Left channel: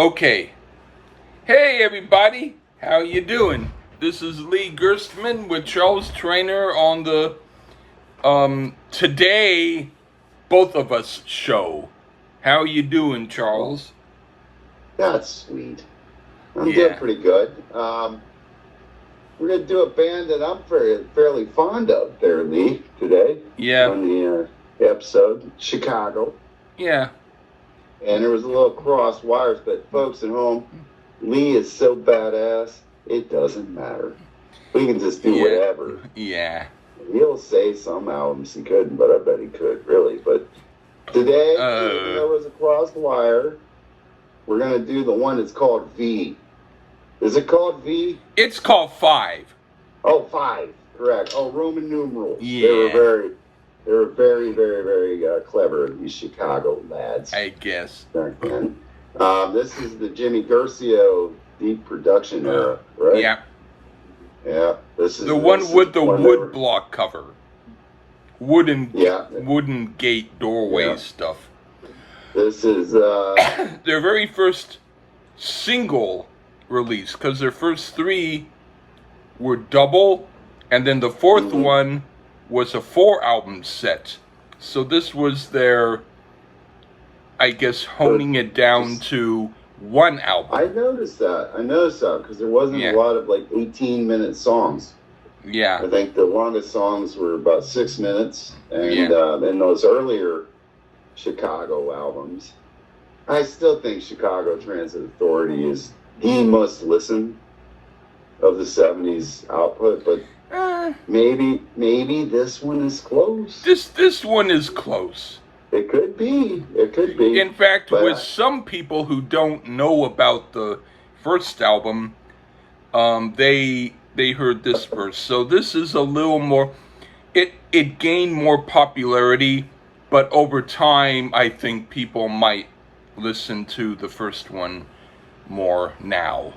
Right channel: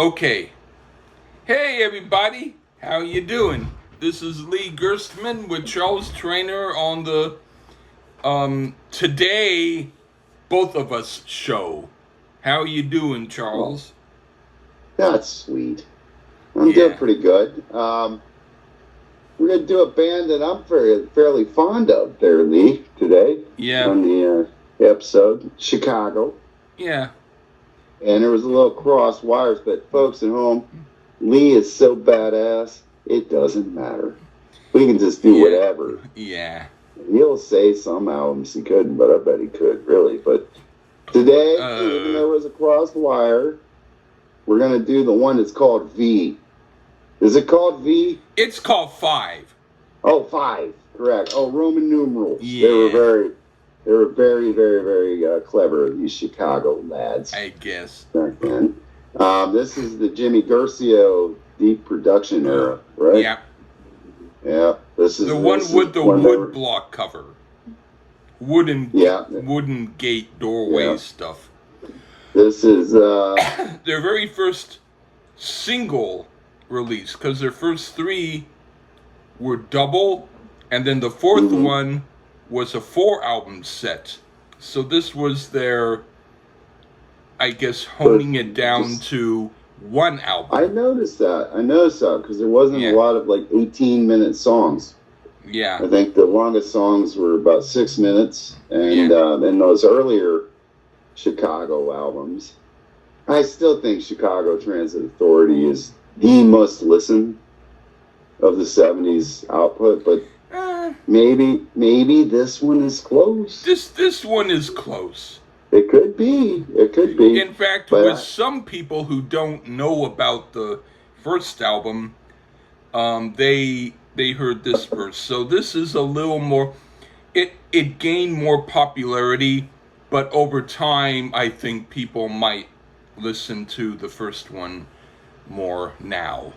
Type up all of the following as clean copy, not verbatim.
Okay. Hey everybody, how you doing? This is Lee Gerstmann with Charles Traynor on the Today Both of Us show. How you doing, Charles? That's sweet. I'm doing pretty good. We're going to do a band that I'm fairly fond of there, Lee, today. Yeah. On the episode, Chicago. Yeah. And there was a little cross wires, but folks at home, Lee is so badass, it doesn't matter. We can just do whatever. Yeah. He'll say some albums he couldn't, but I bet he could, really. But today, there was a cross wire. We're going to do the one that's called V. Is it called V? It's called 5. Oh, 5. Correct. Oh, Roman numerals. Yeah. They were very, very, very clever, these Chicago lads. I guess. This is the Jimmy Garcia deep production era, right? Yeah. Yeah. This is the one with the wood block cover. Wooden gate doorway stuff. This is their very first single release, because their first 3 were double, and then the 4th one was a 4-album set. So this was their, I guess, honing it down to 1 album. I noticed that because there wasn't a lot of 18-minute songs. Yeah. I think the longest songs were about 6 minutes, and in those earlier Chicago albums, I still think Chicago Transit Authority is the must listen of the 70s output, but maybe this one is close. This one is close. It could be. In fact, with some people who don't know about the first album, they heard this verse. So this is a little more. It gained more popularity, but over time, I think people might listen to the first one more now.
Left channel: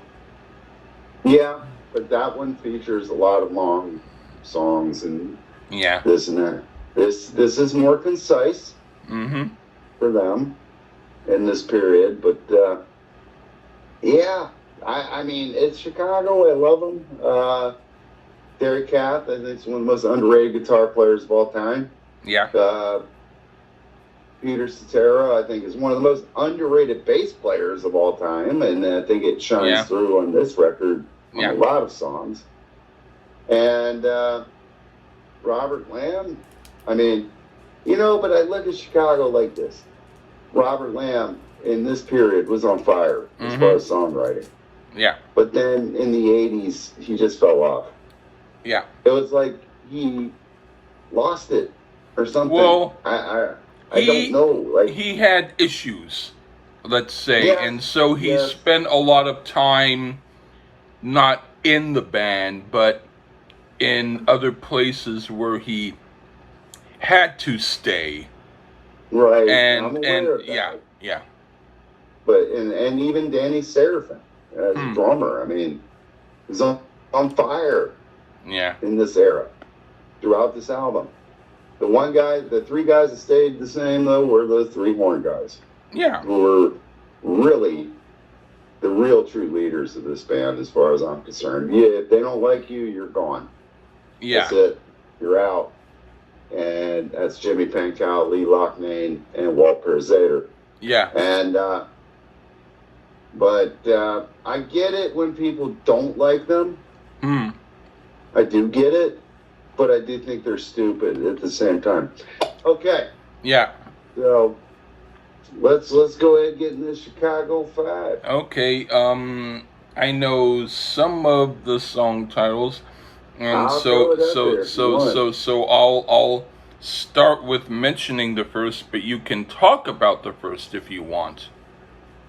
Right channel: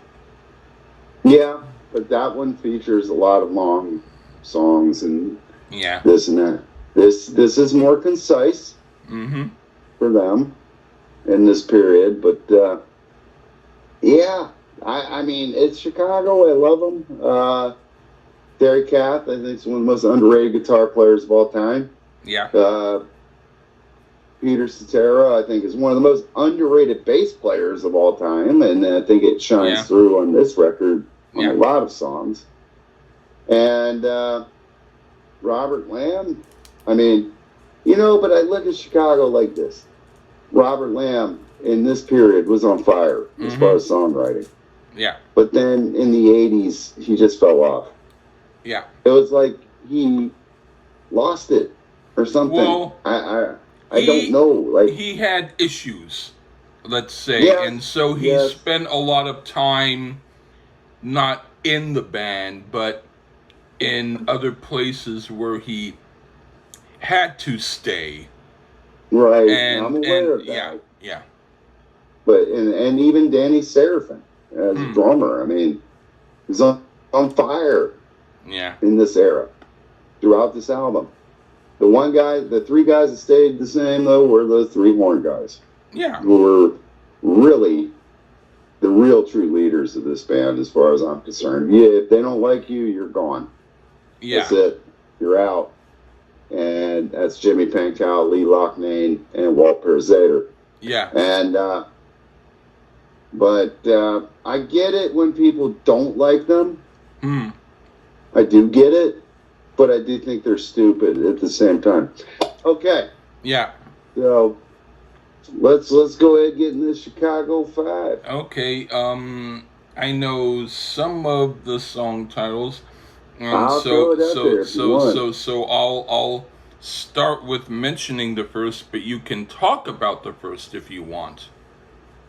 Yeah, but that one features a lot of long songs and this and that. This is more concise for them in this period, but I mean, it's Chicago. I love them. Terry Kath, I think, is one of the most underrated guitar players of all time. Yeah. Peter Cetera, I think, is one of the most underrated bass players of all time, and I think it shines through on this record on a lot of songs. And Robert Lamb, I mean, but I look at Chicago like this. Robert Lamb, in this period, was on fire as far as songwriting. Yeah. But then in the 80s, he just fell off. Yeah. It was like he lost it or something. Well, I don't know. Like, he had issues, let's say, and so he spent a lot of time not in the band, but in other places where he had to stay. Right. And But and even Danny Serafin as a drummer, I mean, he's on fire. Yeah. In this era, throughout this album. The 3 guys that stayed the same, though, were the 3 horn guys. Yeah. Who were really the real true leaders of this band, as far as I'm concerned. Yeah, if they don't like you, you're gone. Yeah. That's it. You're out. And that's Jimmy Pankow, Lee Loughnane, and Walt Pearzader. Yeah. And, but I get it when people don't like them. I do get it. But I do think they're stupid at the same time. Okay. Yeah. So let's go ahead and get into the Chicago 5. Okay. I know some of the song titles, and so I'll start with mentioning the first, but you can talk about the first if you want.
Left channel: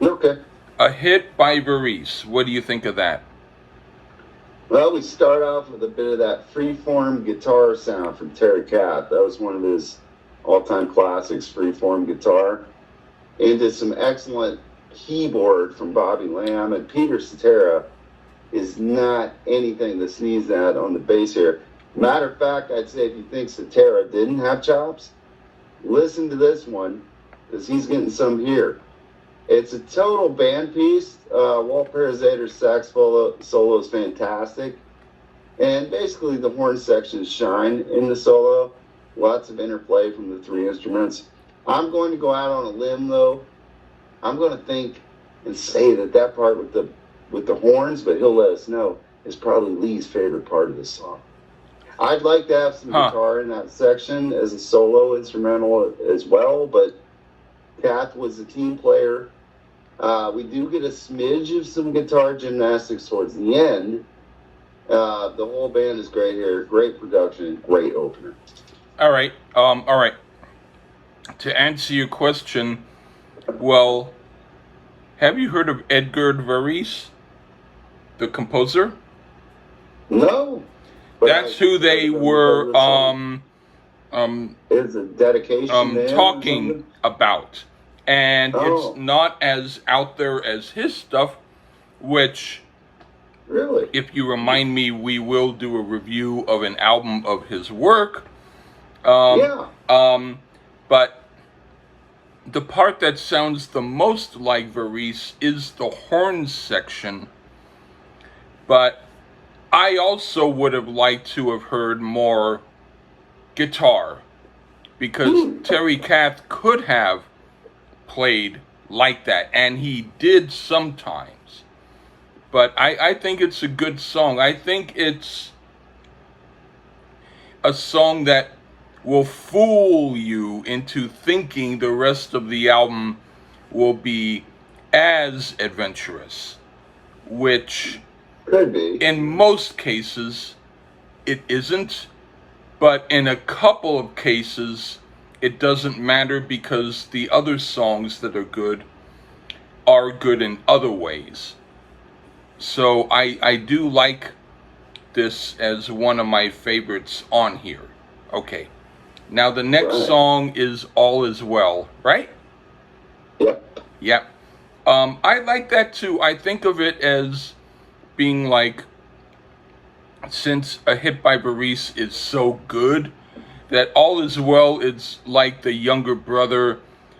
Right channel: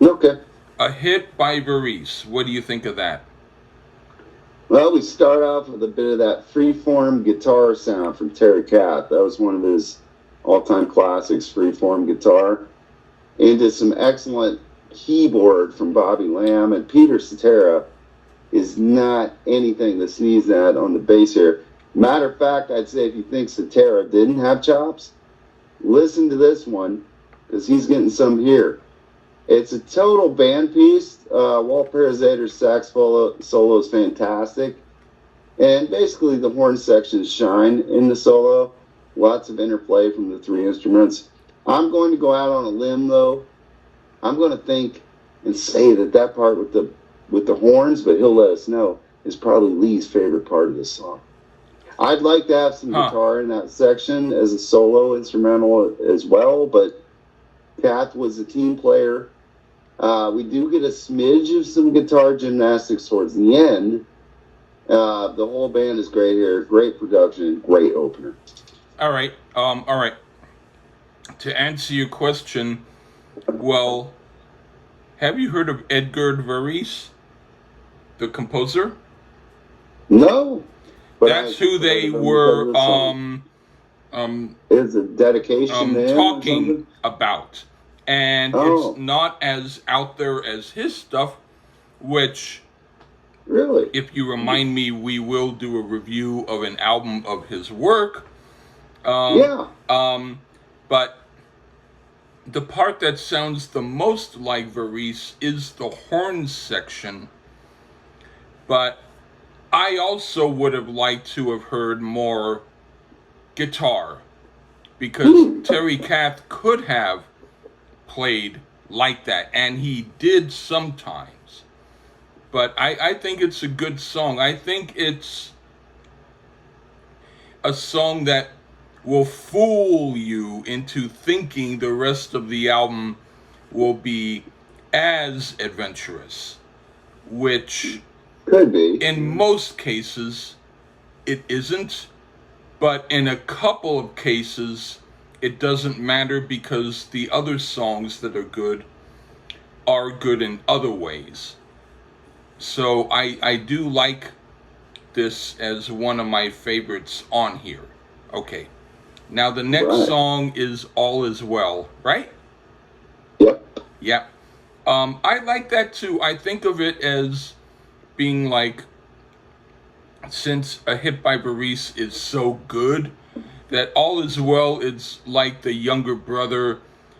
Okay. A Hit by Varice. What do you think of that? Well, we start off with a bit of that freeform guitar sound from Terry Kath. That was one of his all-time classics, freeform guitar. Into some excellent keyboard from Bobby Lamb. And Peter Cetera is not anything to sneeze at on the bass here. Matter of fact, I'd say if you think Cetera didn't have chops, listen to this one, because he's getting some here. It's a total band piece. Walt Parazator's sax solo is fantastic. And basically, the horn sections shine in the solo. Lots of interplay from the three instruments. I'm going to go out on a limb, though. I'm going to think and say that part with the horns, but he'll let us know, is probably Lee's favorite part of the song. I'd like to have some guitar in that section as a solo instrumental as well, but Kath was a team player. We do get a smidge of some guitar gymnastics towards the end. The whole band is great here. Great production, great opener. All right. To answer your question, well, have you heard of Edgar Varese, the composer? No. That's who they were is a dedication talking about. And it's not as out there as his stuff, which, really, if you remind me, we will do a review of an album of his work. But the part that sounds the most like Varese is the horn section. But I also would have liked to have heard more guitar, because Terry Kath could have played like that, and he did sometimes. But I think it's a good song. I think it's a song that will fool you into thinking the rest of the album will be as adventurous, which could be. In most cases it isn't, but in a couple of cases it doesn't matter, because the other songs that are good in other ways. So I do like this as one of my favorites on here. Okay. Now the next song is All Is Well, right? Yep. I like that too. I think of it as being like, since A Hit by Varese is so good, that All Is Well is like the younger brother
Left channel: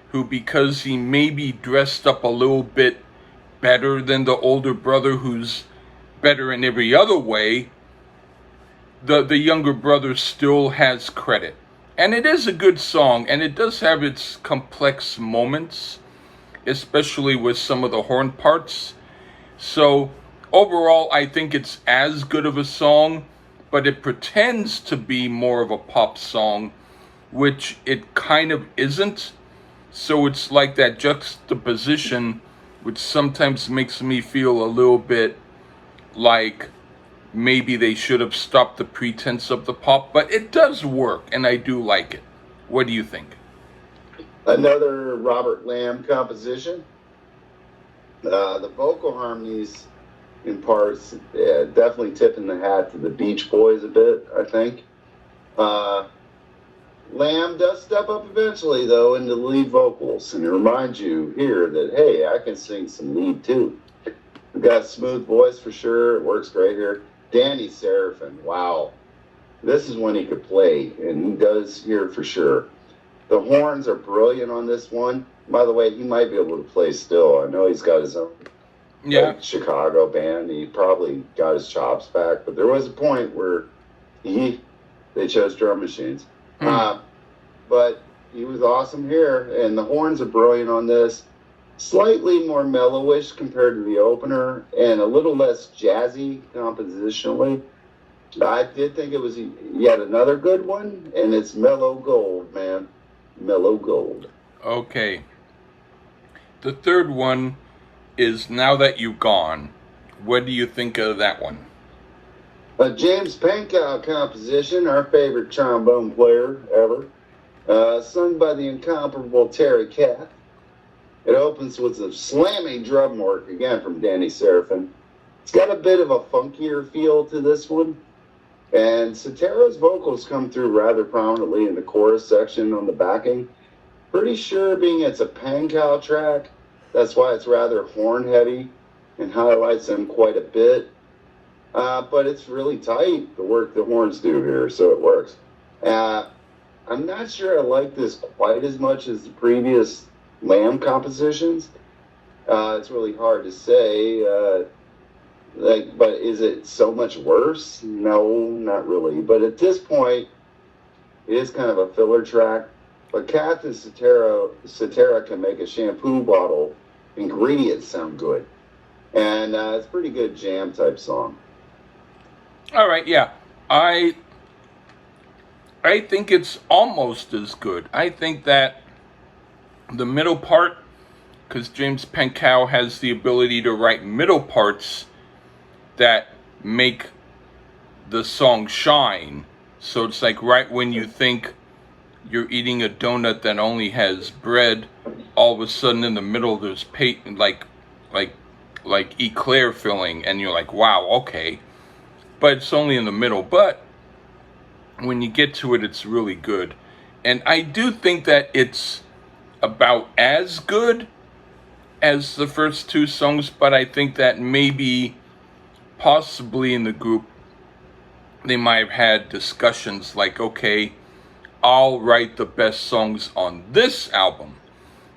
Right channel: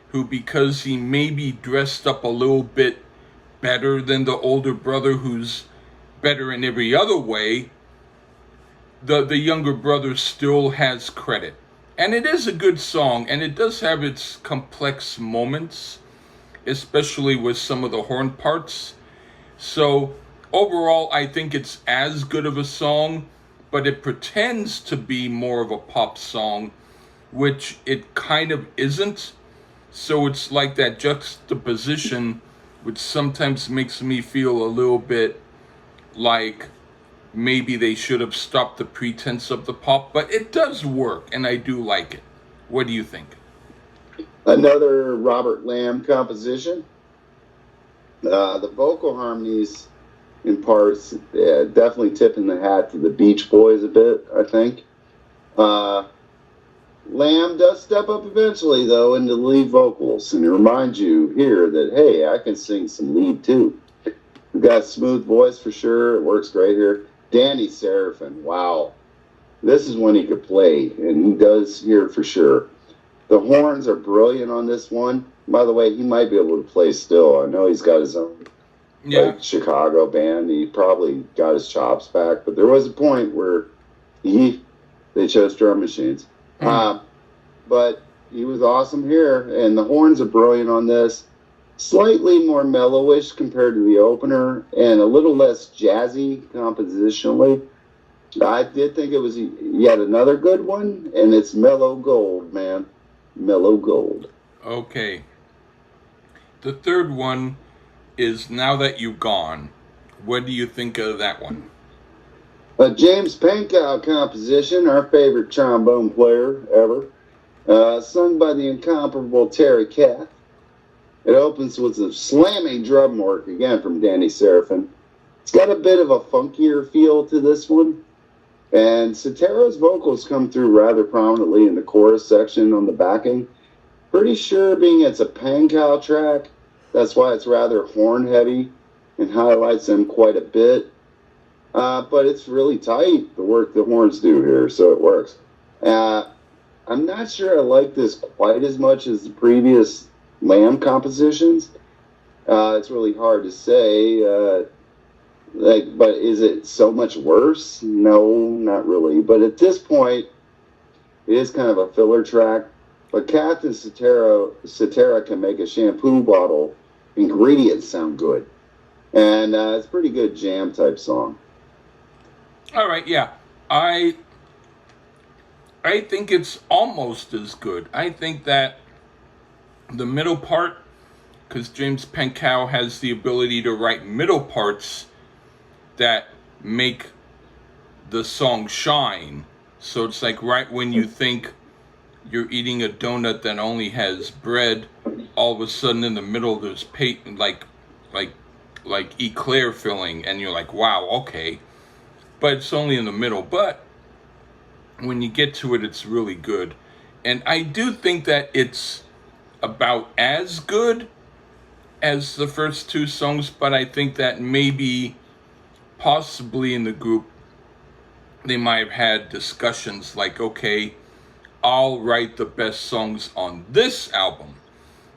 who, because he may be dressed up a little bit better than the older brother who's better in every other way, the younger brother still has credit. And it is a good song, and it does have its complex moments, especially with some of the horn parts. So overall, I think it's as good of a song, but it pretends to be more of a pop song, which it kind of isn't. So it's like that juxtaposition, which sometimes makes me feel a little bit like maybe they should have stopped the pretense of the pop, but it does work, and I do like it. What do you think? Another Robert Lamb composition. The vocal harmonies in parts, definitely tipping the hat to the Beach Boys a bit, I think. Lamb does step up eventually, though, into the lead vocals, and it reminds you here that, hey, I can sing some lead, too. We've got a smooth voice for sure. It works great here. Danny Seraphin, wow. This is when he could play, and he does here for sure. The horns are brilliant on this one. By the way, he might be able to play still. I know he's got his own Chicago band. He probably got his chops back, but there was a point where they chose drum machines. But he was awesome here, and the horns are brilliant on this. Slightly more mellowish compared to the opener, and a little less jazzy compositionally. I did think it was yet another good one, and it's mellow gold, man. Mellow gold. Okay. The third one is Now That You've Gone. What do you think of that one? A James Pankow composition, our favorite trombone player ever, sung by the incomparable Terry Kath. It opens with a slamming drum work, again from Danny Seraphin. It's got a bit of a funkier feel to this one. And Sotero's vocals come through rather prominently in the chorus section on the backing. Pretty sure being it's a Pankow track, that's why it's rather horn heavy and highlights them quite a bit. But it's really tight, the work the horns do here, so it works. I'm not sure I like this quite as much as the previous Lamb compositions, It's really hard to say. But is it so much worse? No, not really. But at this point, it is kind of a filler track. But Kath and Cetera can make a shampoo bottle ingredients sound good. And it's a pretty good jam type song. All right, yeah. I think it's almost as good. I think that the middle part, because James Pankow has the ability to write middle parts that make the song shine. So it's like right when you think you're eating a donut that only has bread, all of a sudden in the middle there's like eclair filling, and you're like, wow, okay. But it's only in the middle. But when you get to it, it's really good. And I do think that it's about as good as the first two songs, but I think that maybe possibly in the group they might have had discussions like, okay, I'll write the best songs on this album,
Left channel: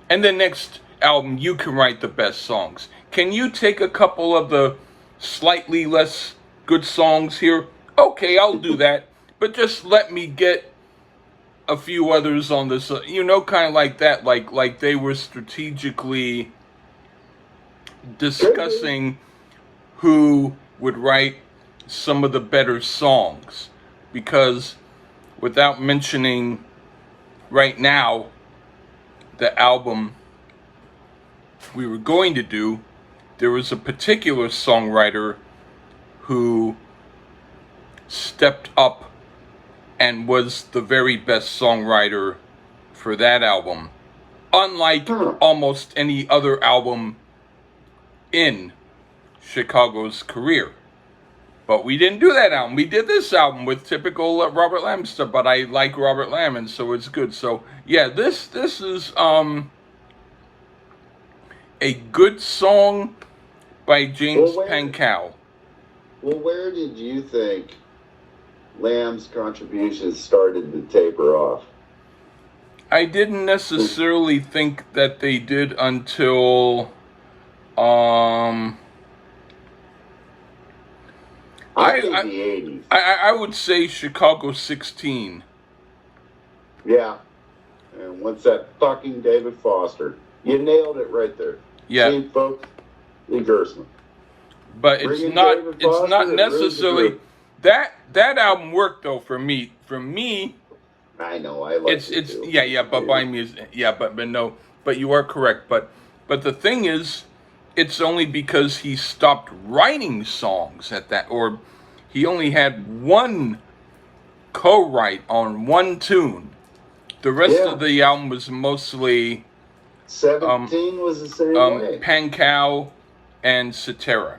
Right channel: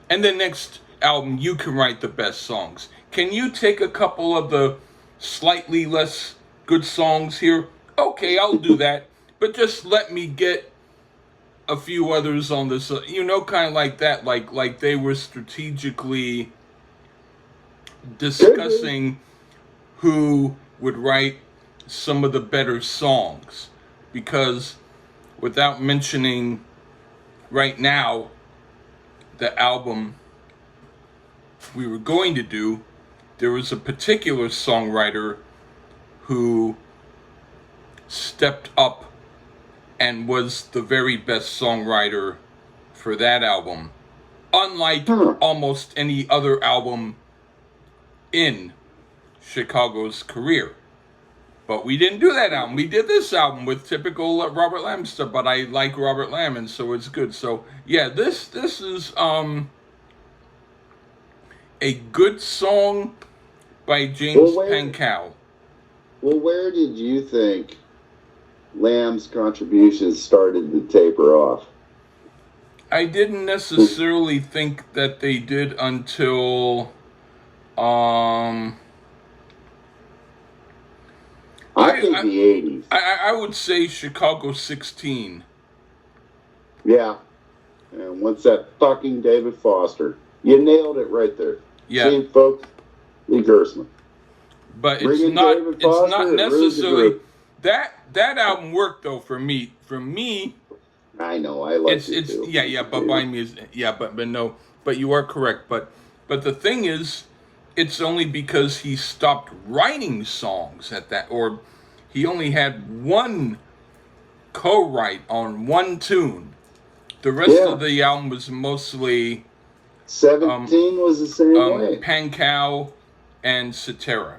and the next album you can write the best songs. Can you take a couple of the slightly less good songs here? Okay, I'll do that, but just let me get a few others on this, kind of like that, like they were strategically discussing who would write some of the better songs. Because without mentioning right now the album we were going to do, there was a particular songwriter who stepped up and was the very best songwriter for that album, unlike almost any other album in Chicago's career. But we didn't do that album. We did this album with typical Robert Lamb stuff, but I like Robert Lamb, and so it's good. So yeah, this is a good song by James Pankow. Well, where did you think Lamb's contributions started to taper off? I didn't necessarily think that they did until I think the 80s. I would say Chicago 16. Yeah. And what's that fucking David Foster? You nailed it right there. Yeah. See, folks, Lee Gersman. But it's not necessarily that album worked though for me. For me, I know, I love it. It's yeah, but by me is but no, but you are correct. But the thing is, it's only because he stopped writing songs at that, or he only had one co-write on one tune. The rest of the album was mostly 17 was the same way. Pankow and Cetera.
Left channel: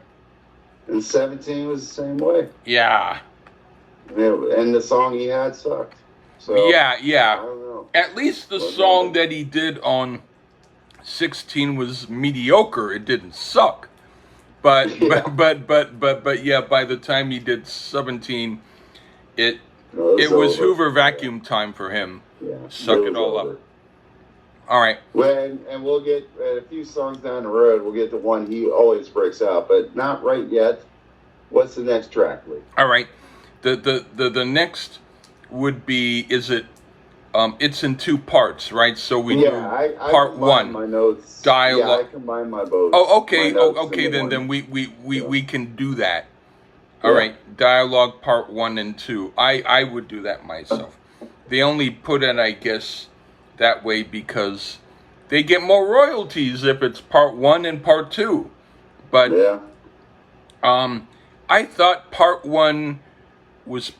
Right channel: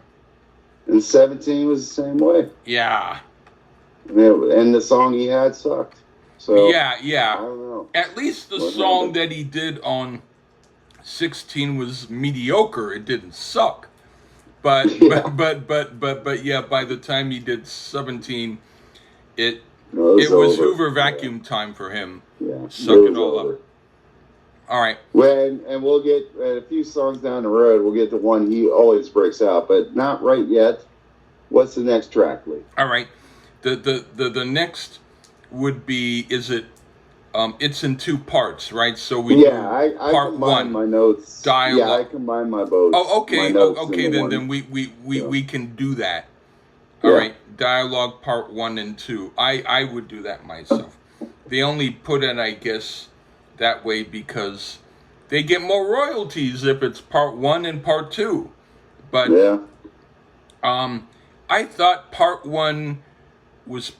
And 17 was the same way. Yeah. And the song he had sucked. So yeah. I don't know. At least the song that he did on 16 was mediocre. It didn't suck. But but yeah, by the time he did 17, it was Hoover vacuum time for him. Yeah, Suck it all up. All right. And we'll get a few songs down the road. We'll get the one he always breaks out, but not right yet. What's the next track, Lee? All right. The next would be, is it? It's in two parts, right? So we do part one. My notes. Dialogue. Yeah, I combine my both. Oh, okay. Okay. Then we can do that. All right. Dialogue part 1 and 2. I would do that myself. They only put it, I guess, that way because they get more royalties if it's part 1 and part 2. But I thought part 1 was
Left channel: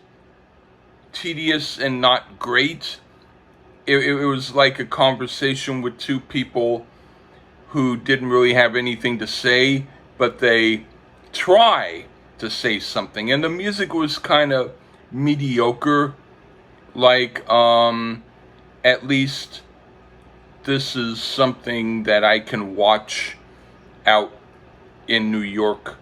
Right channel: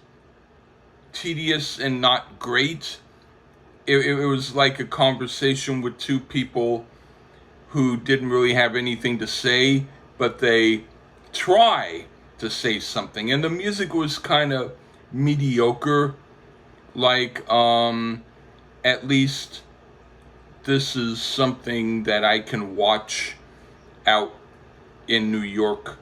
tedious and not great. It was like a conversation with two people who didn't really have anything to say, but they try to say something. And the music was kind of mediocre. Like, at least this is something that I can watch out in New York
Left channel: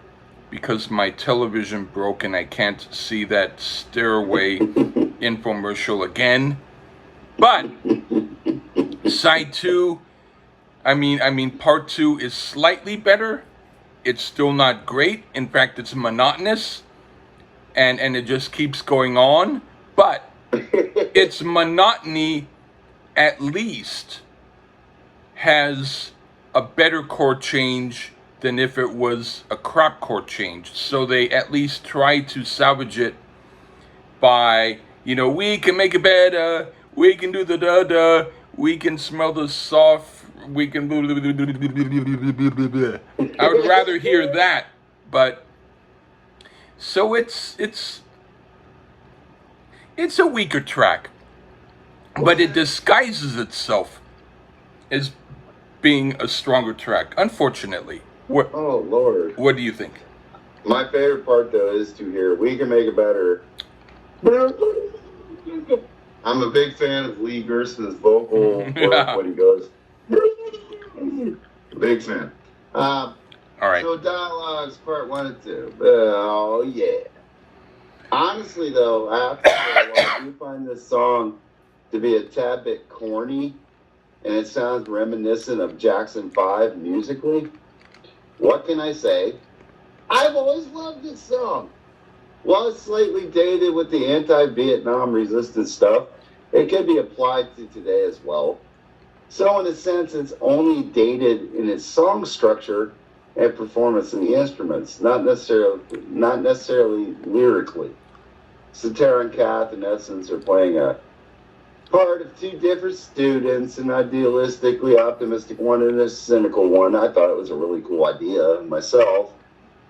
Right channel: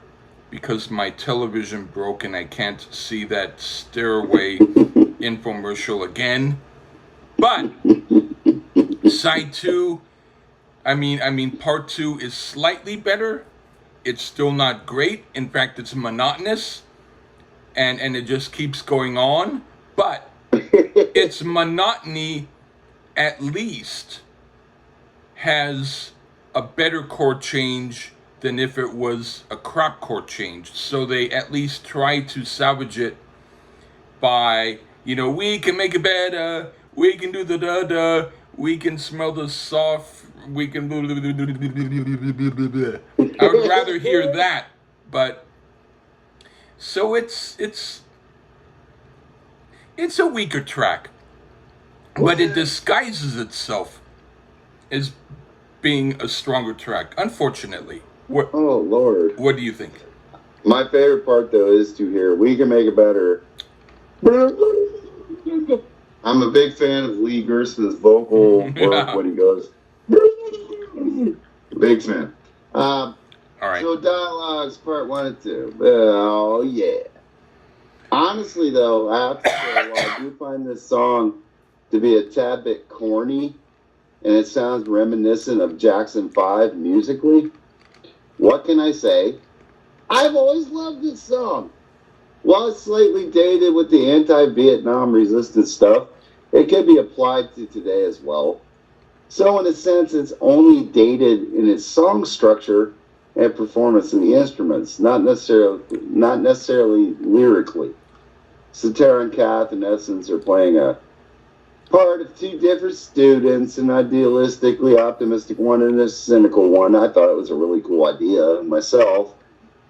because my television broke and I can't see that Stairway infomercial again. But side 2 I mean, part two is slightly better. It's still not great. In fact, it's monotonous, and it just keeps going on. But its monotony, at least, has a better chord change than if it was a crop chord change. So they at least try to salvage it by, we can make it better, we can do the da da, we can smell the soft, we can. I would rather hear that, but so it's a weaker track, but it disguises itself as being a stronger track. Unfortunately, what? Oh Lord. What do you think? My favorite part though is to hear "We Can Make It Better." I'm a big fan of Lee Gerson's vocal work when he goes. Big fan. All right. So dialogues part 1 and 2. Oh yeah. Honestly though, I have to say, I do find this song to be a tad bit corny, and it sounds reminiscent of Jackson 5 musically. What can I say? I've always loved this song. While it's slightly dated with the anti-Vietnam resistance stuff, it can be applied to today as well. So in a sense, it's only dated in its song structure and performance in the instruments, not necessarily lyrically. Cetera and Kath, in essence, are playing a part of two different students, an idealistically optimistic one and a cynical one. I thought it was a really cool idea myself.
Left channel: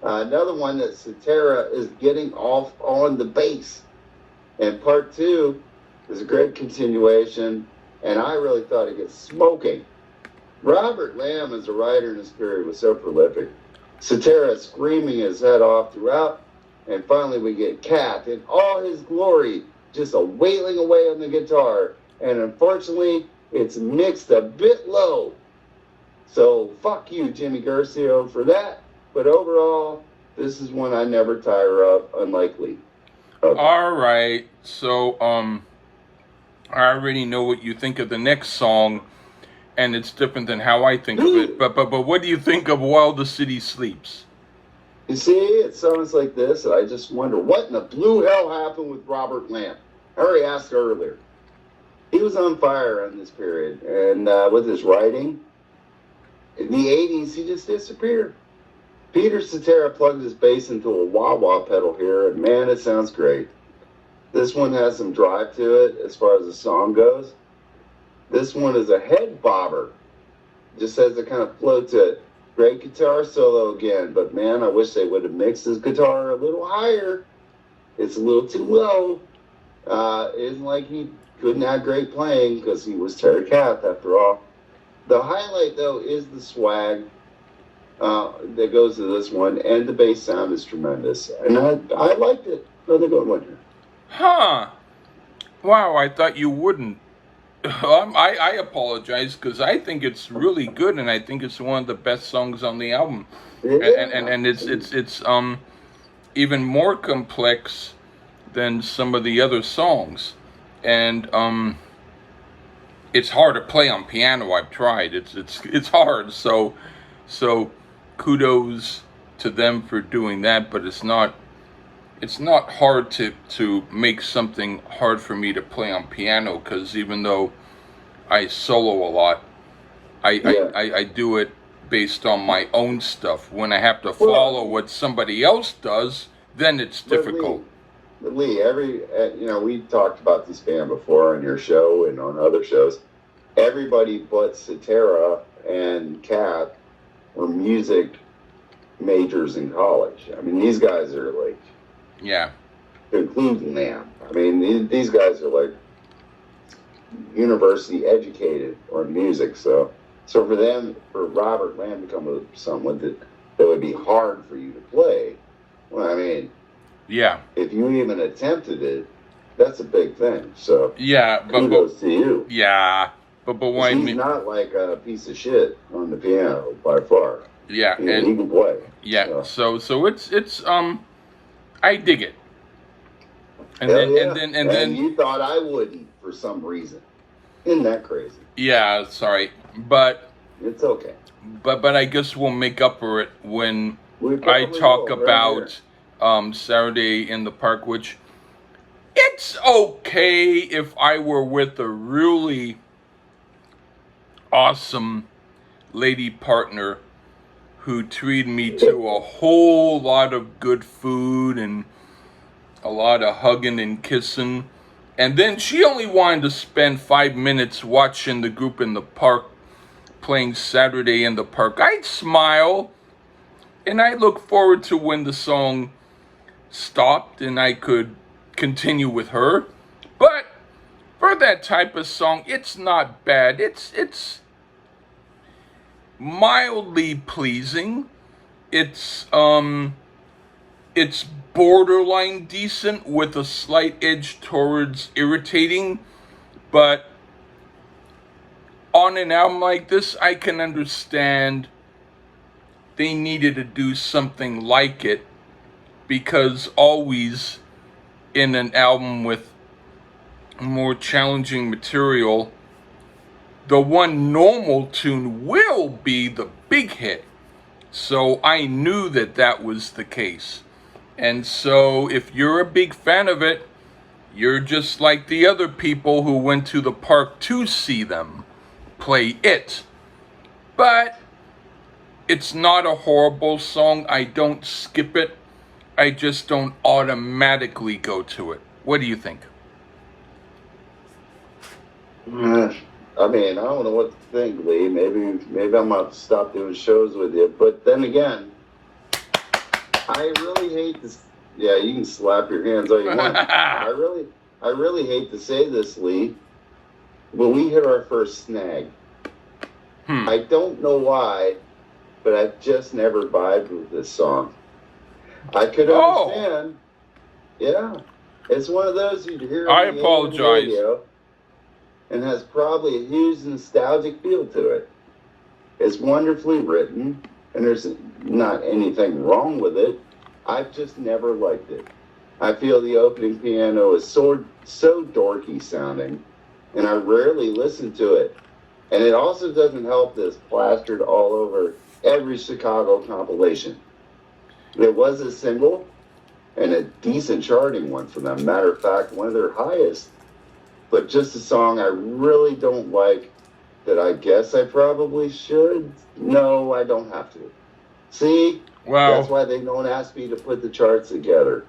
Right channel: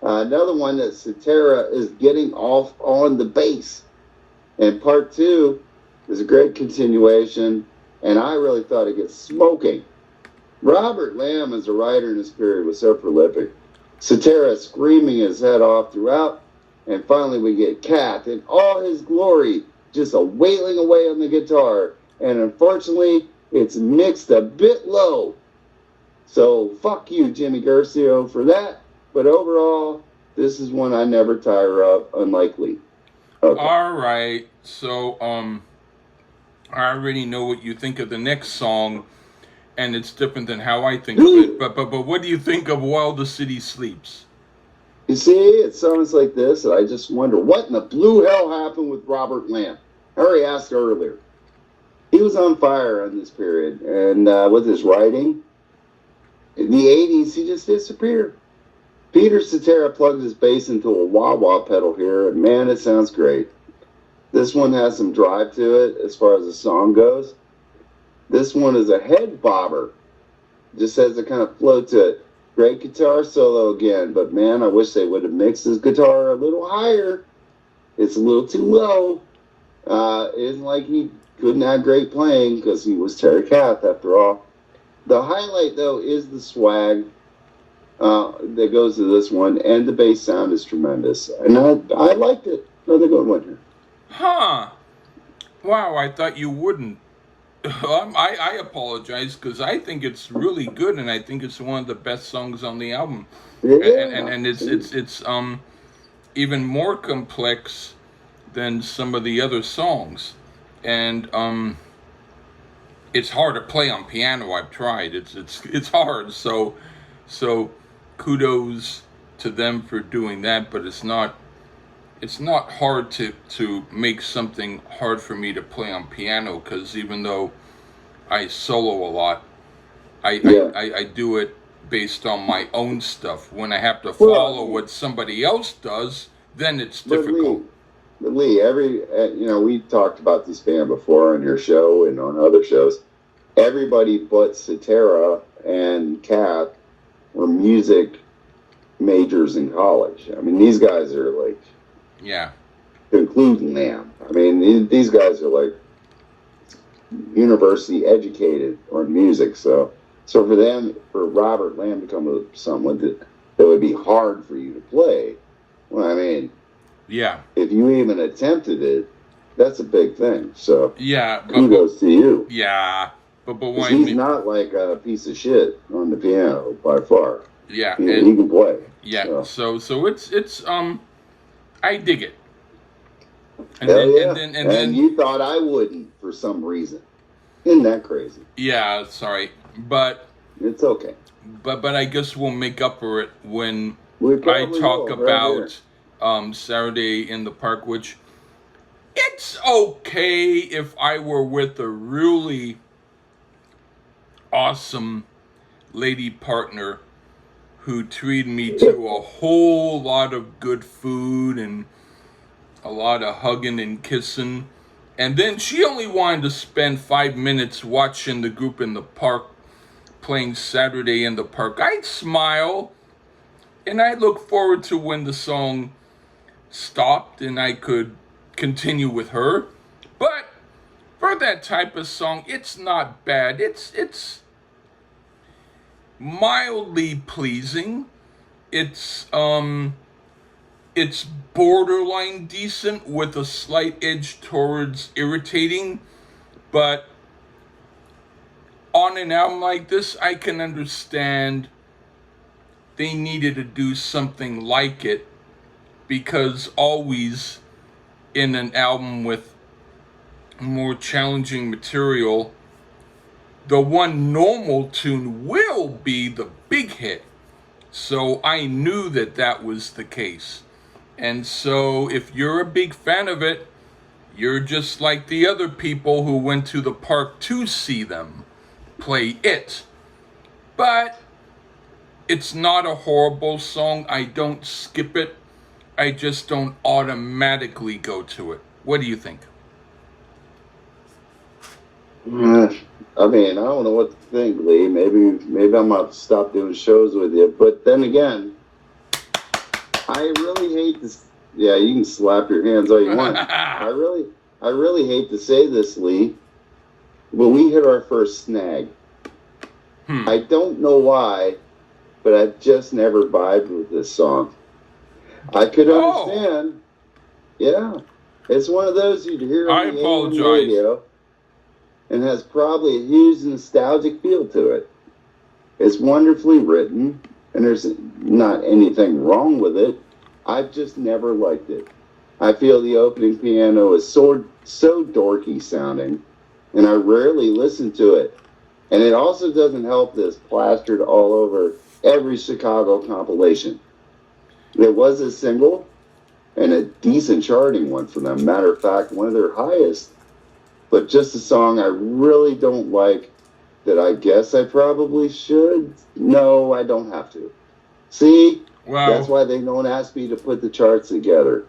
Another one that Cetera is getting off on the bass. And part 2 is a great continuation, and I really thought it gets smoking. Robert Lamb, as a writer in this period, was so prolific. Cetera screaming his head off throughout, and finally we get Kath in all his glory, just a wailing away on the guitar. And unfortunately, it's mixed a bit low. So fuck you, Jimmy Guercio, for that. But overall, this is one I never tire of, unlikely. Okay. All right. So, I already know what you think of the next song, and it's different than how I think of it. But what do you think of While the City Sleeps? You see, it sounds like this, and I just wonder what in the blue hell happened with Robert Lamb. I already asked earlier. He was on fire in this period, and with his writing, in the 80s, he just disappeared. Peter Cetera plugs his bass into a wah-wah pedal here, and man, it sounds great. This one has some drive to it as far as the song goes. This one is a head bobber. Just has a kind of flow to it. Great guitar solo again, but man, I wish they would have mixed his guitar a little higher. It's a little too low. It isn't like he couldn't have great playing because he was Terry Kath after all. The highlight though is the swag that goes to this one, and the bass sound is tremendous. And I liked it. Another good one here. Huh. Wow, I thought you wouldn't. I apologize because I think it's really good, and I think it's one of the best songs on the album. Yeah. And it's even more complex than some of the other songs. And it's hard to play on piano. I've tried. It's hard. So kudos to them for doing that, but it's not hard to make something hard for me to play on piano, because even though I solo a lot, I do it based on my own stuff. When I have to follow what somebody else does, then it's difficult. Lee, we've talked about this band before on your show and on other shows. Everybody but Cetera and Kath were music majors in college. I mean, these guys are like, yeah, including Lamb. I mean, these guys are like university educated on music. So for Robert Lamb to come with something that would be hard for you to play, well, I mean, yeah, if you even attempted it, that's a big thing. So yeah, kudos to you. Yeah, but why? He's not like a piece of shit on the piano by far. Yeah, and he can play. Yeah, so it's I dig it. And then you thought I wouldn't for some reason. Isn't that crazy? Yeah, sorry. But It's okay. But I guess we'll make up for it when We I probably talk will, right here. about Saturday in the Park, which it's okay if I were with a really awesome lady partner who treated me to a whole lot of good food and a lot of hugging and kissing. And then she only wanted to spend 5 minutes watching the group in the park playing Saturday in the Park. I'd smile and I look forward to when the song stopped and I could continue with her. But for that type of song, it's not bad. It's mildly pleasing. It's borderline decent with a slight edge towards irritating, but on an album like this, I can understand they needed to do something like it, because always in an album with more challenging material, the one normal tune will be the big hit. So I knew that that was the case. And so if you're a big fan of it, you're just like the other people who went to the park to see them play it. But it's not a horrible song. I don't skip it. I just don't automatically go to it. What do you think? Yeah. I mean, I don't know what to think, Lee. Maybe I'm gonna stop doing shows with you. But then again, I really hate this. Yeah, you can slap your hands all you want. I really hate to say this, Lee. When we hit our first snag, I don't know why, but I just never vibed with this song. I could understand. Yeah, it's one of those you'd hear I on the apologize. radio, and has probably a huge nostalgic feel to it. It's wonderfully written, and there's not anything wrong with it. I've just never liked it. I feel the opening piano is so dorky sounding, and I rarely listen to it. And it also doesn't help that it's plastered all over every Chicago compilation. It was a single, and a decent charting one for them. Matter of fact, one of their highest. But just a song I really don't like, that I guess I probably should. No, I don't have to. See? Well, that's why they don't ask me to put the charts together.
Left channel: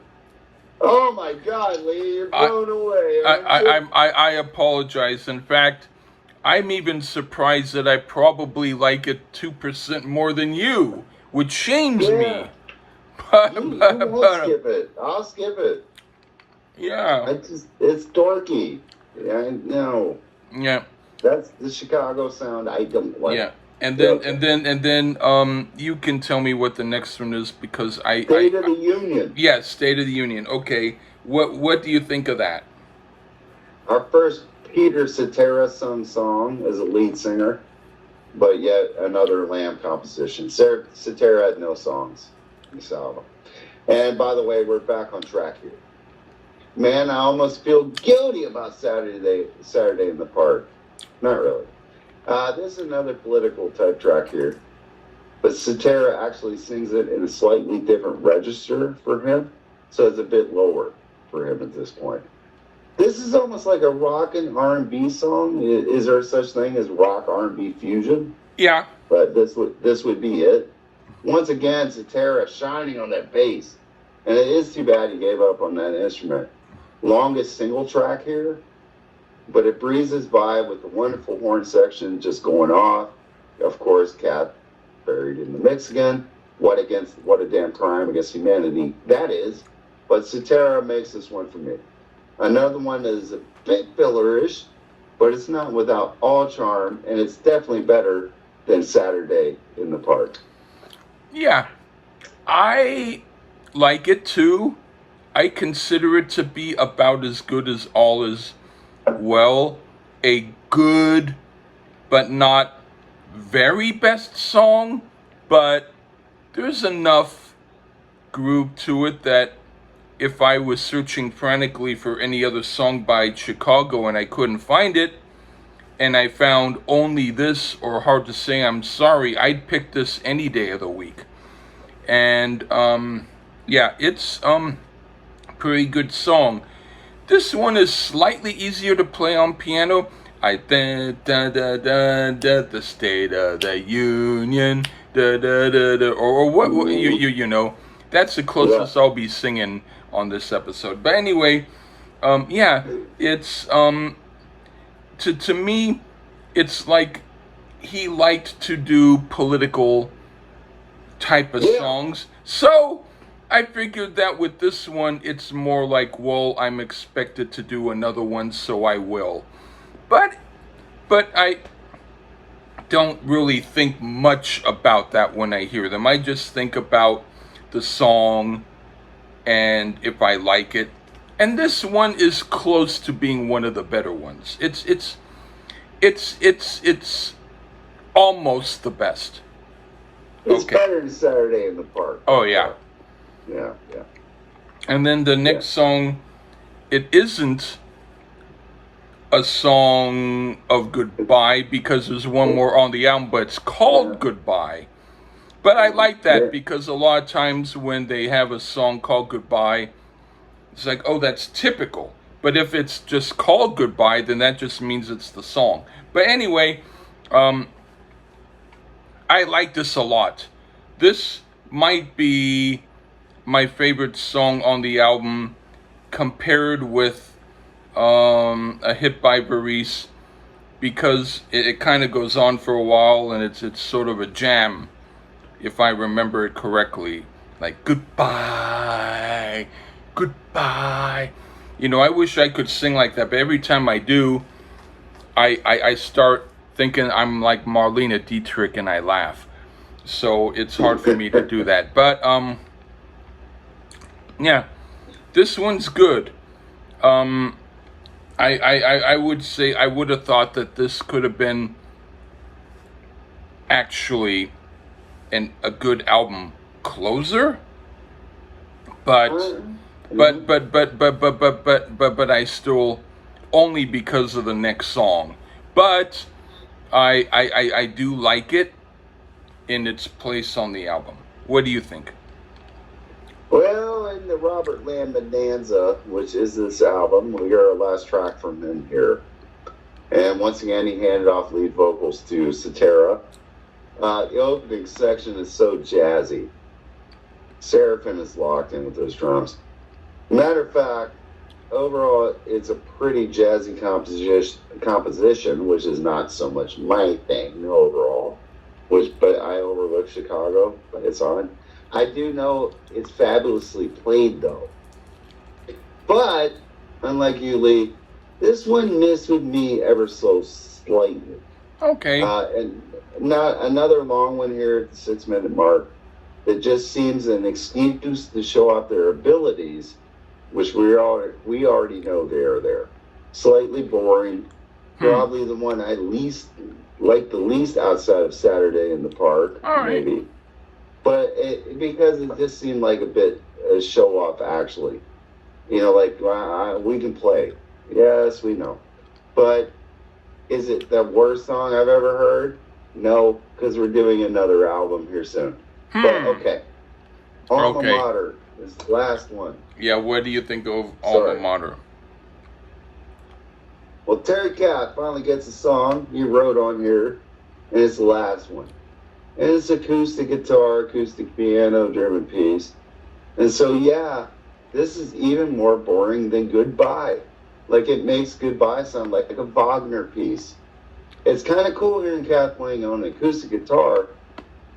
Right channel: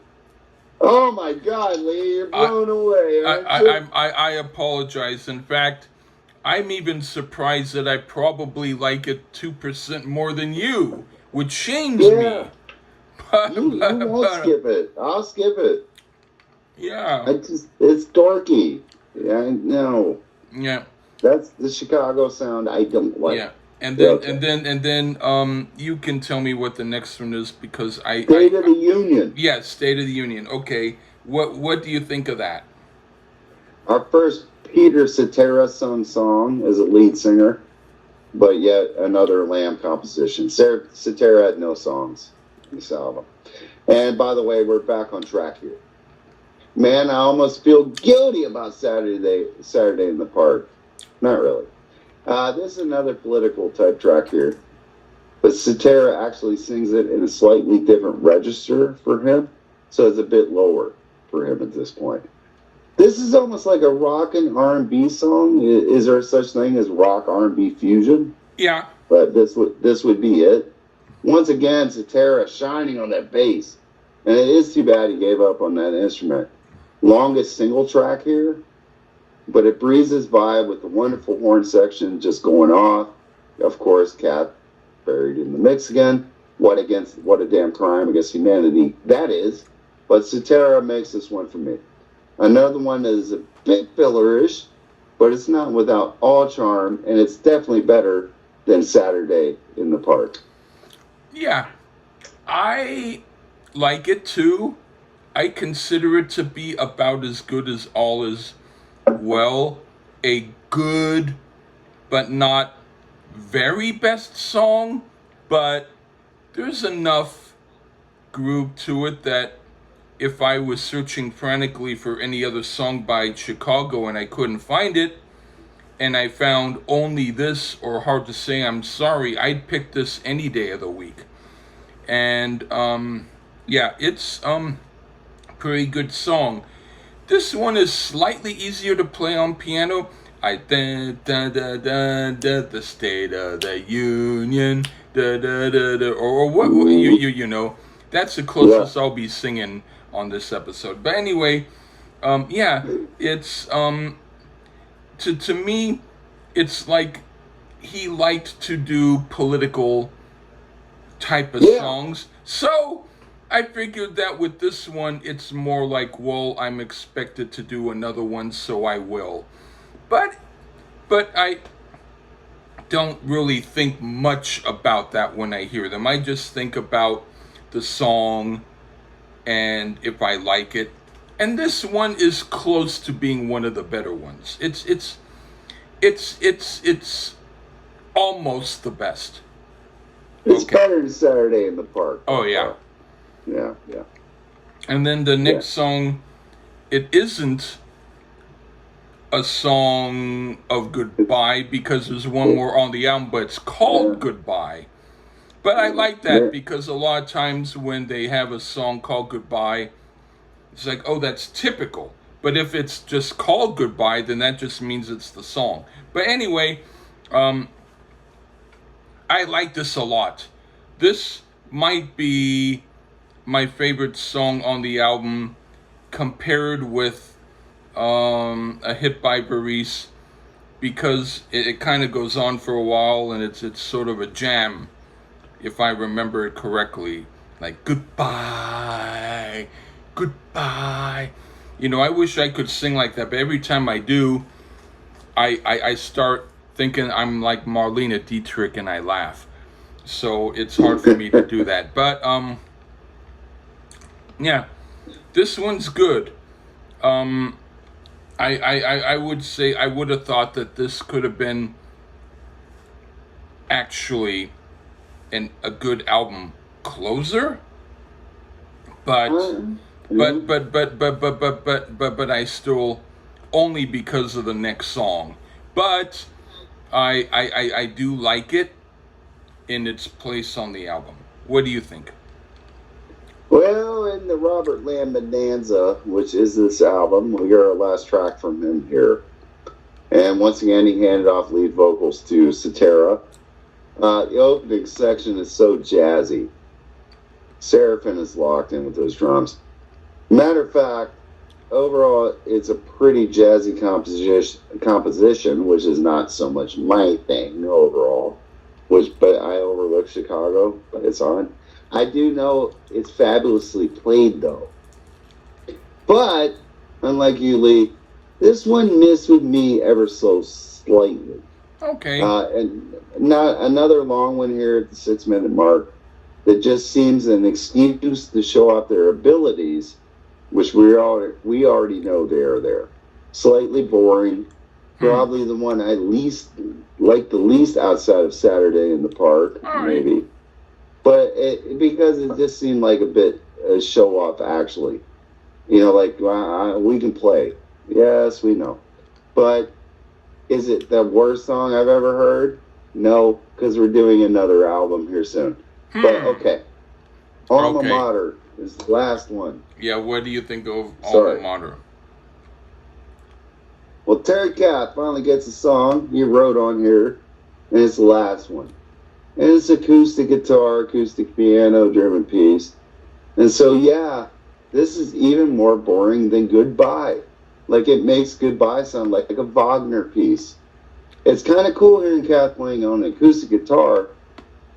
Oh my God, Lee, you're blown away. I apologize. In fact, I'm even surprised that I probably like it 2% more than you, which shames me. I'll skip it. I'll skip it. Yeah. It's dorky. I know. Yeah. That's the Chicago sound I don't like. Yeah. And then you can tell me what the next one is, because State of the Union. Yeah, State of the Union. Okay. What do you think of that? Our first Peter Cetera sung song as a lead singer, but yet another Lamb composition. Cetera had no songs in this album. And by the way, we're back on track here. Man, I almost feel guilty about Saturday in the Park. Not really. This is another political type track here, but Cetera actually sings it in a slightly different register for him, so it's a bit lower for him at this point. This is almost like a rock and R&B song. Is there such thing as rock R&B fusion? Yeah. But this would be it. Once again, Cetera shining on that bass, and it is too bad he gave up on that instrument. Longest single track here, but it breezes by with the wonderful horn section just going off. Of course, Cat buried in the mix again. What a damn crime against humanity that is. But Cetera makes this one for me. Another one that is a bit fillerish, but it's not without all charm, and it's definitely better than Saturday in the Park. Yeah, I like it too. I consider it to be about as good as All Is Well. A good, but not very best song, but there's enough groove to it that if I was searching frantically for any other song by Chicago and I couldn't find it, and I found only this or Hard to Say I'm Sorry, I'd pick this any day of the week. And yeah, it's pretty good song. This one is slightly easier to play on piano. The State of the Union, or what you know. That's the closest I'll be singing on this episode. But anyway, yeah, it's to me, it's like he liked to do political type of songs. So I figured that with this one, it's more like, well, I'm expected to do another one, so I will. But I don't really think much about that when I hear them. I just think about the song and if I like it. And this one is close to being one of the better ones. It's almost the best. It's better than Saturday in the Park. Oh yeah. Yeah. And then the next song, it isn't a song of goodbye because there's one more on the album, but it's called Goodbye. But I like that because a lot of times when they have a song called Goodbye, it's like, oh, that's typical. But if it's just called Goodbye, then that just means it's the song. But anyway, I like this a lot. This might be my favorite song on the album, compared with A Hit by Baris, because it kind of goes on for a while and it's sort of a jam, if I remember it correctly. Like, goodbye, goodbye. You know, I wish I could sing like that, but every time I do, I start thinking I'm like Marlene Dietrich and I laugh. So it's hard for me to do that. But yeah, this one's good. I would say I would have thought that this could have been actually a good album closer, but I still, only because of the next song. But I do like it in its place on the album. What do you think? Well, in the Robert Lamb Bonanza, which is this album, we hear our last track from him here. And once again, he handed off lead vocals to Cetera. The opening section is so jazzy. Seraphin is locked in with those drums. Matter of fact, overall, it's a pretty jazzy composition, which is not so much my thing overall. But I overlook Chicago, but it's on. I do know it's fabulously played, though. But, unlike you, Lee, this one missed with me ever so slightly. Okay. And not another long one here at the 6-minute mark that just seems an excuse to show off their abilities, which we already know they are there. Slightly boring. Probably the one I least like the least outside of Saturday in the Park, maybe. But because it just seemed like a bit show off, actually. You know, like, we can play. Yes, we know. But is it the worst song I've ever heard? No, because we're doing another album here soon. But okay. Alma Mater is the last one. Yeah, what do you think of Alma Mater? Well, Terry Kath finally gets a song he wrote on here, and it's the last one. And it's acoustic guitar, acoustic piano, German piece. And so, yeah, this is even more boring than Goodbye. Like, it makes Goodbye sound like a Wagner piece. It's kind of cool hearing Kath playing on an acoustic guitar,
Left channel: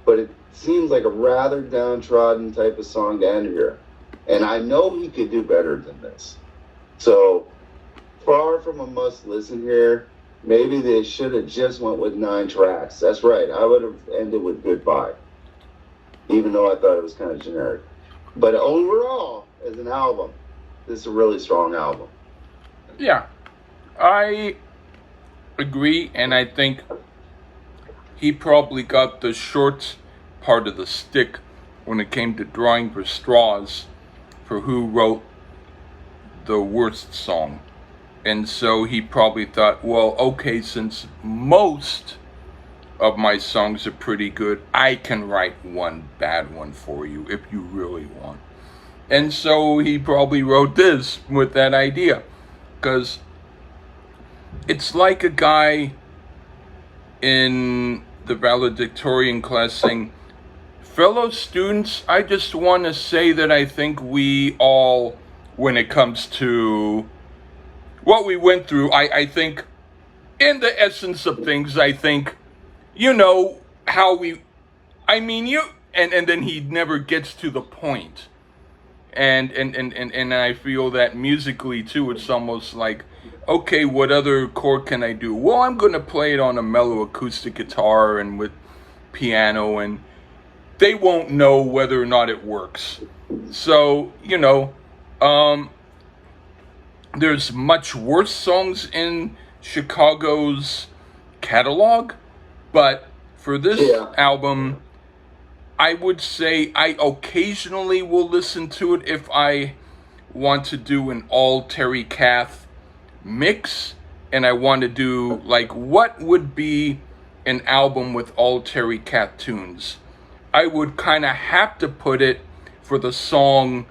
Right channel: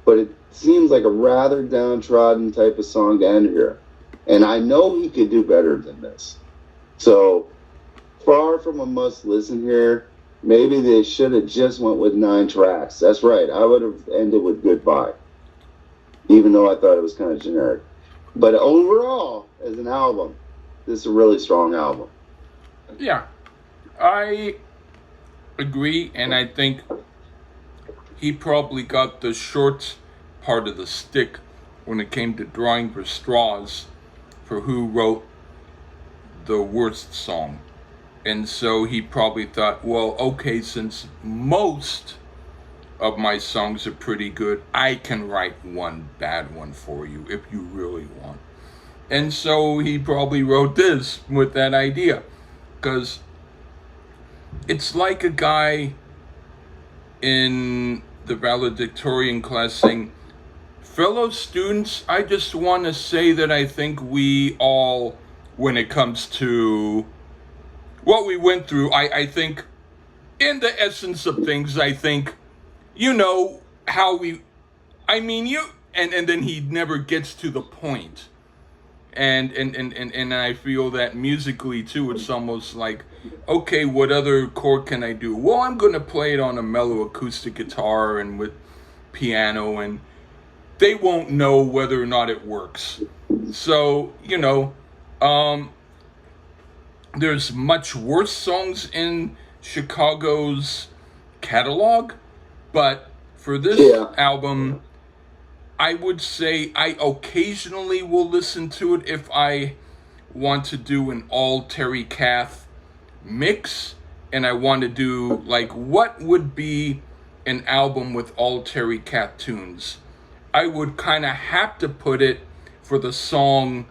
but it seems like a rather downtrodden type of song to end here. And I know he could do better than this. So, far from a must listen here. Maybe they should have just went with 9 tracks. That's right. I would have ended with Goodbye, even though I thought it was kind of generic. But overall, as an album, this is a really strong album. Yeah, I agree, and I think he probably got the short part of the stick when it came to drawing for straws for who wrote the worst song. And so he probably thought, well, okay, since most of my songs are pretty good, I can write one bad one for you if you really want. And so he probably wrote this with that idea. Because it's like a guy in the valedictorian class saying, fellow students, I just want to say that I think we all, when it comes to what we went through, I think in the essence of things, I think, you know, how we, I mean, you, and then he never gets to the point. And I feel that musically too, it's almost like, okay, what other chord can I do? Well, I'm going to play it on a mellow acoustic guitar and with piano, and they won't know whether or not it works. So, you know, there's much worse songs in Chicago's catalog, but for this album, I would say I occasionally will listen to it if I want to do an all Terry Kath mix, and I want to do, like, what would be an album with all Terry Kath tunes. I would kind of have to put it for the song,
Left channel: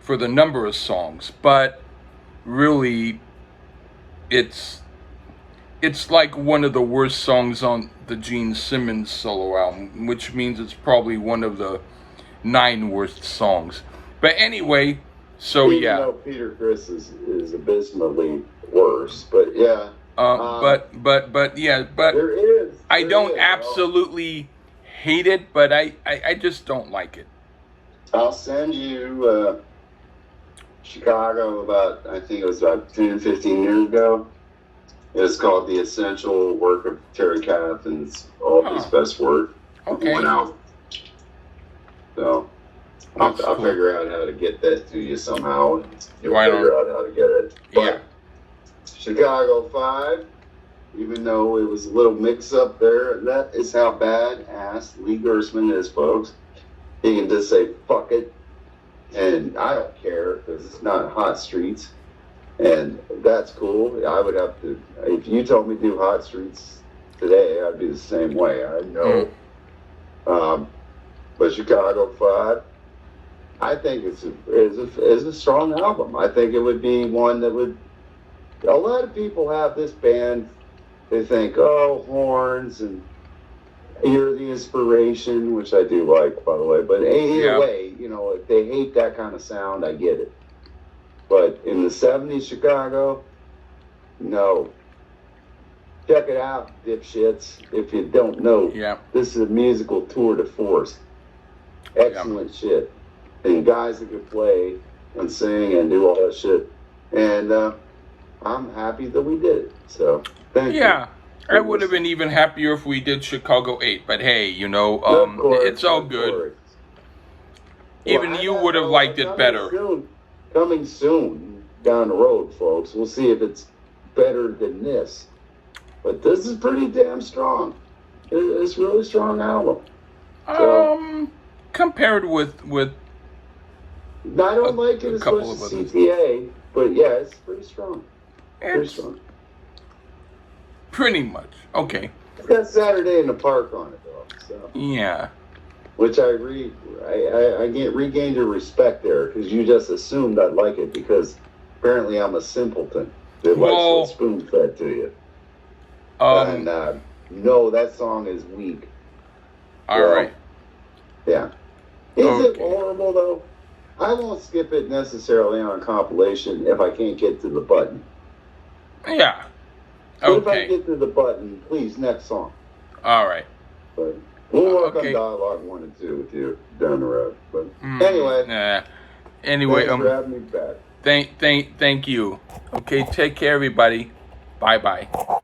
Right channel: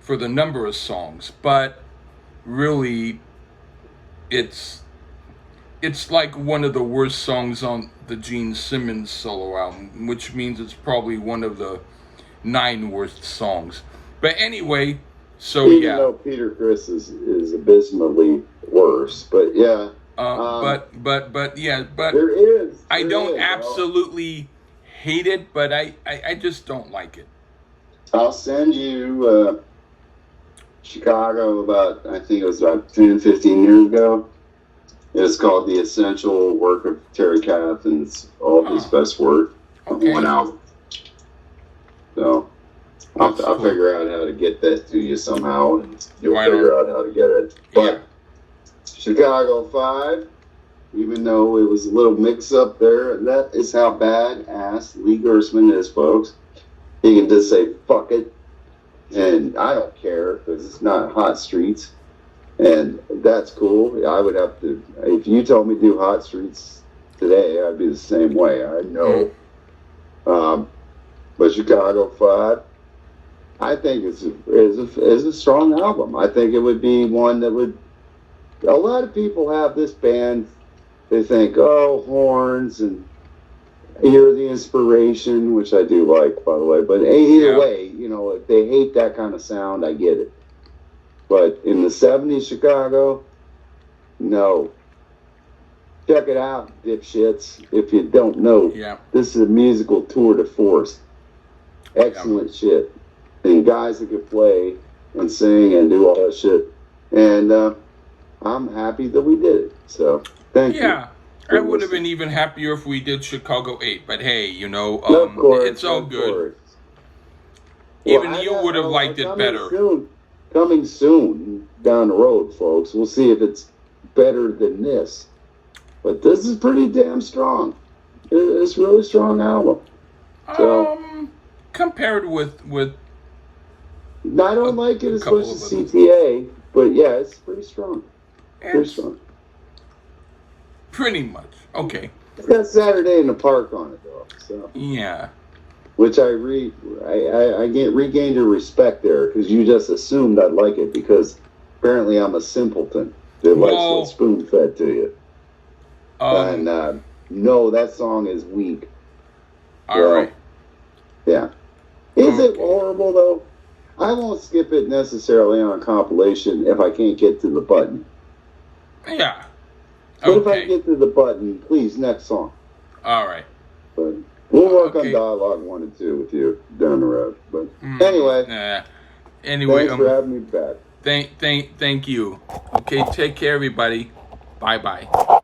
for the number of songs, but really, it's like one of the worst songs on the Gene Simmons solo album, which means it's probably one of the 9 worst songs. But anyway, so Even yeah. though Peter Criss is abysmally worse, but yeah. But yeah, but there is. I don't absolutely hate it, but I just don't like it. I'll send you Chicago about, I think it was about 10, 15 years ago. It's called The Essential Work of Terry Kath, and it's all his best work. Okay. So I'll figure out how to get that to you somehow. You'll Right figure on. out how to get it. But Yeah. Chicago 5, even though it was a little mix up there, that is how badass Lee Gersman is, folks. He can just say, fuck it. And I don't care because it's not Hot Streets. And that's cool. I would have to, if you told me to do Hot Streets today, I'd be the same way. I know. But Chicago 5, I think is a strong album. I think it would be one that would, a lot of people have this band, they think, oh, horns and hear the inspiration, which I do like, by the way. But either way, you know, if they hate that kind of sound, I get it. But in the 70s Chicago, no. Check it out, dipshits. If you don't know, this is a musical tour de force. Excellent shit. And guys that could play and sing and do all that shit. And I'm happy that we did it. So, thank you. Yeah. I would have been even happier if we did Chicago 8. But hey, you know, it's all good. Even you would have liked it better. Coming soon down the road, folks. We'll see if it's better than this. But this is pretty damn strong. It's a really strong album. So, compared with I don't like it as much as CTA, but yeah, it's pretty strong. Pretty strong. Pretty much. Okay. It's got Saturday in the Park on it, though. So. Yeah. Which I regained your respect there, because you just assumed I'd like it because apparently I'm a simpleton that likes it spoon-fed to you. And no, that song is weak. All right. Yeah. Is it horrible, though? I won't skip it necessarily on a compilation if I can't get to the button. Yeah. But if I get to the button, please, next song. All right. But we'll work on dialogue 1 and 2 with you down the road. But anyway. Anyway, thanks for having me back. Thank you. Okay, take care, everybody. Bye-bye.